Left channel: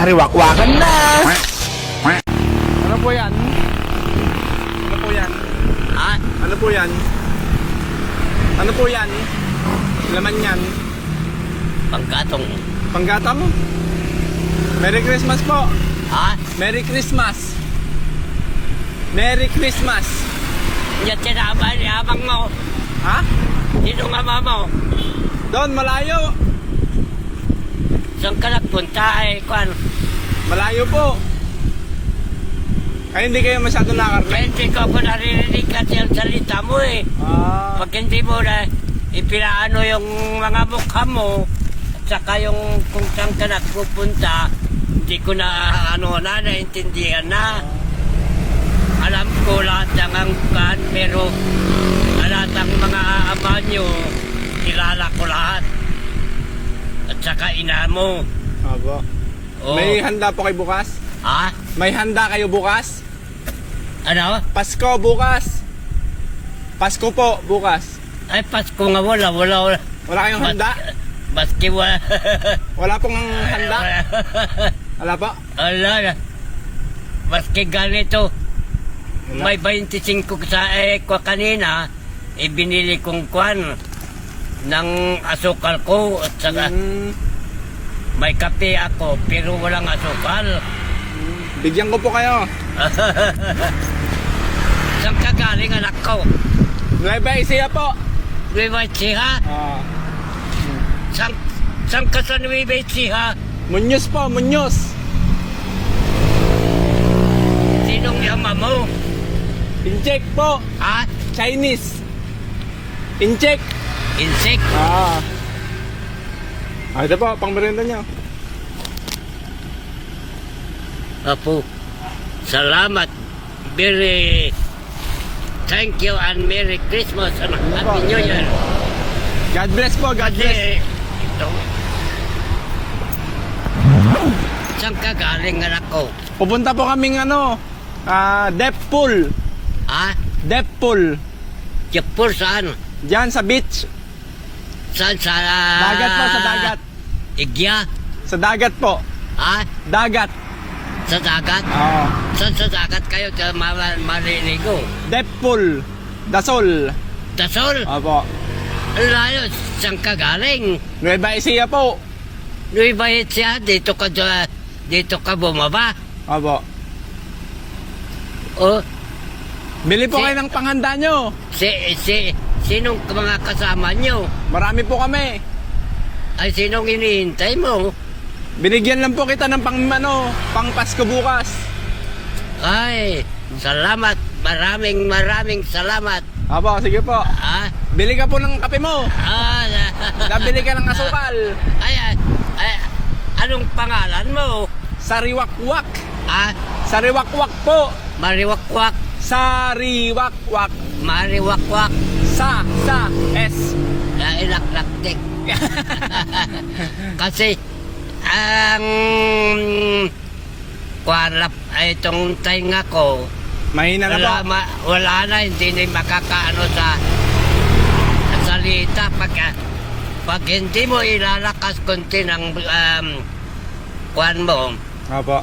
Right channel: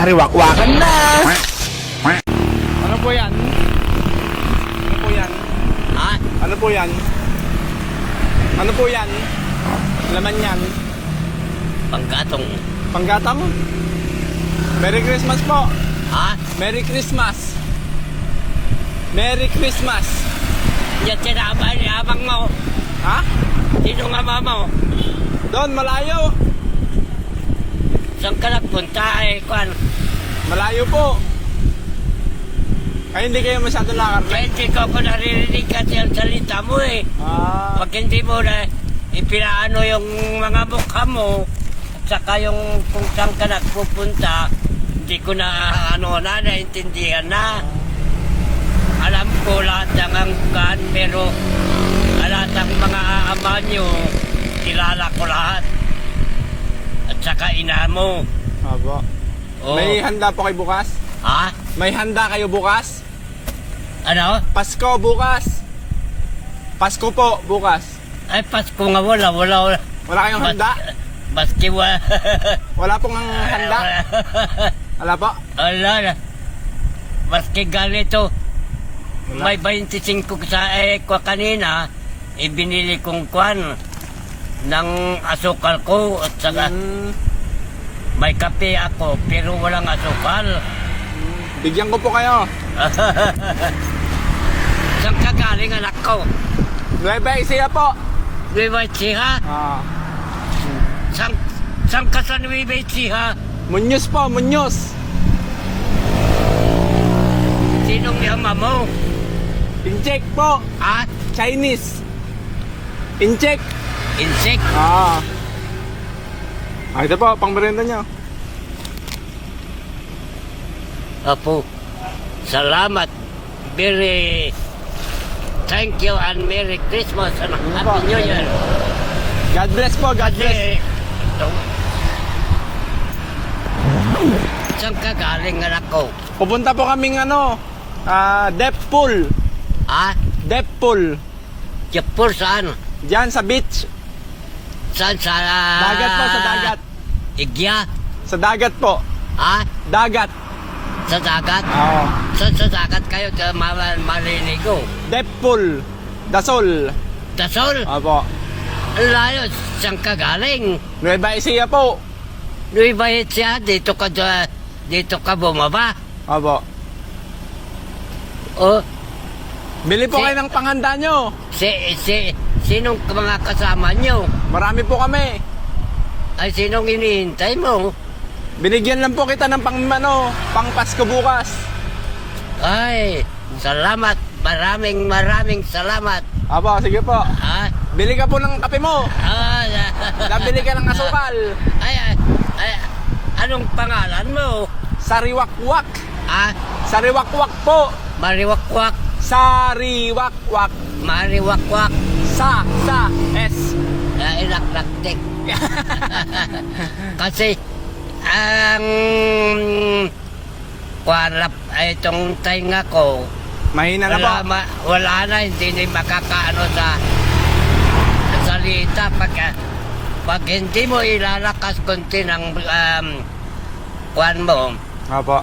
Sariwakwakan na! Ano po yan? Ano po yan? Ha? Ano po yan? Ano po yan? Laman yan? Panggatong. Panggatang? Merry Christmas po! Ha? Merry Christmas! Merry Christmas! Hindi kinabal yamang mo. Ha? Sino nga mama mo? Doon, malayo! Saan ka nagpunta ay kwan? Malayo po! Kaya hindi kayo masyado nakarne? Kaya hindi ko pa naririnig kasi ang salita mo eh. Ah, Pag hindi mo na ipinaano yung mga mukha mo, at saka yung kung saan ka nagpupunta, hindi ko na naintindihan na. Alam ko lahat ng angkan, pero lahat ng mga aama nyo, kilala ko lahat. At saka ina mo. abo. Oh. May handa po kayo bukas? Ha? May handa kayo bukas? Ano? Pasko bukas! Pasko po bukas. Ay, Pasko nga wala. Wala kayong handa? Baski wala. Wala pong handa? Wala po? Wala na. Baski ganito. Wala. May 25 sa ko kanina, ibinili kong kwan ng asukal ko at saka may kape ako pero walang asukal. Bigyan ko po kayo. Saan ka galing anak ko? Nueva Ecija po. Nueva Ecija? Ah. Saan ka sa Nueva Ecija? Munyos po, Munyos. Sinong nama mo? Incheck po. Ha? Chinese. Incheck. Insect? Ah. Ah, ito po, pang merienda nyo. Apo, salamat. Thank you and Merry Christmas and Happy New Year. God bless po, God bless. Saan ka galing anak ko? Pupunta po kaming Deep Pool. Ha? Deep Pool. Kipur saan? Diyan sa beach. Saan sa... Dagat po, sa dagat. Igya? Sa dagat po. Ha? Dagat. Sa dagat? Oo. Saan sa dagat kayo maliligo? Deep Pool. Dasol. Dasol? Opo. Ang layo, saan ka galing? Nueva Ecija po. Nueva Ecija, dito ka bumaba. Opo. O, Bili po kayo ng panghanda nyo. sinong mga kasama nyo? Marami po kami. Ay, sinong inihintay mo? Binigyan lang po kita ng pang Pasko bukas. Ay, salamat. Maraming salamat. Opo, sige po. Ha? Bili ka po ng kape mo. Ay, Nabili ka ng asukal. ay, anong pangalan mo? Sariwakwak. Ha? Sariwakwak po. Mariwakwak. Sariwakwak. Mariwakwak. Sa S. Ay, nakakit. Kasi, ang warap ay itong tainga ko, Mahina na po. wala na, hindi na makakaano sa salita pag hindi mo ilalakas konti ng kwan mo, Opo.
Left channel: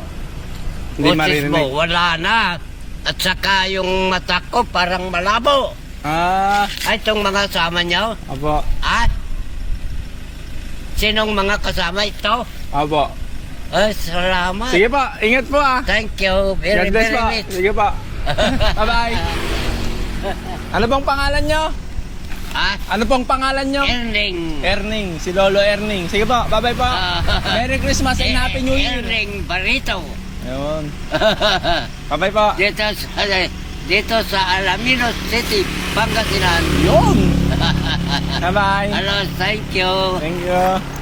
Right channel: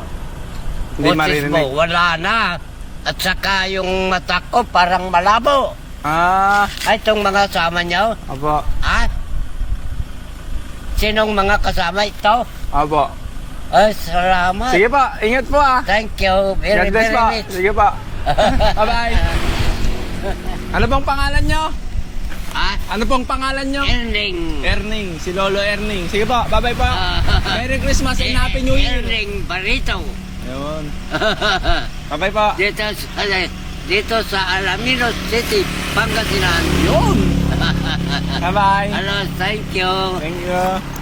Hindi boses maririnig. mo, wala na. At saka yung mata ko parang malabo. Ah, Ay, itong mga kasama niyo, opo. sinong mga kasama ito? Opo. Ay, salamat. Sige po, ingat po ah. Thank you. God bless po. Sige po. Bye-bye. Ano pong pangalan nyo? Ano pong pangalan nyo? Erning. Erning, si Lolo Erning. Sige po, bye-bye po. Merry Christmas and Happy New Year. Erning Barito. Ayun. Bye-bye po. Dito sa Alaminos City, Pangasinan. Yun. Bye-bye. Hello, thank you. Thank you.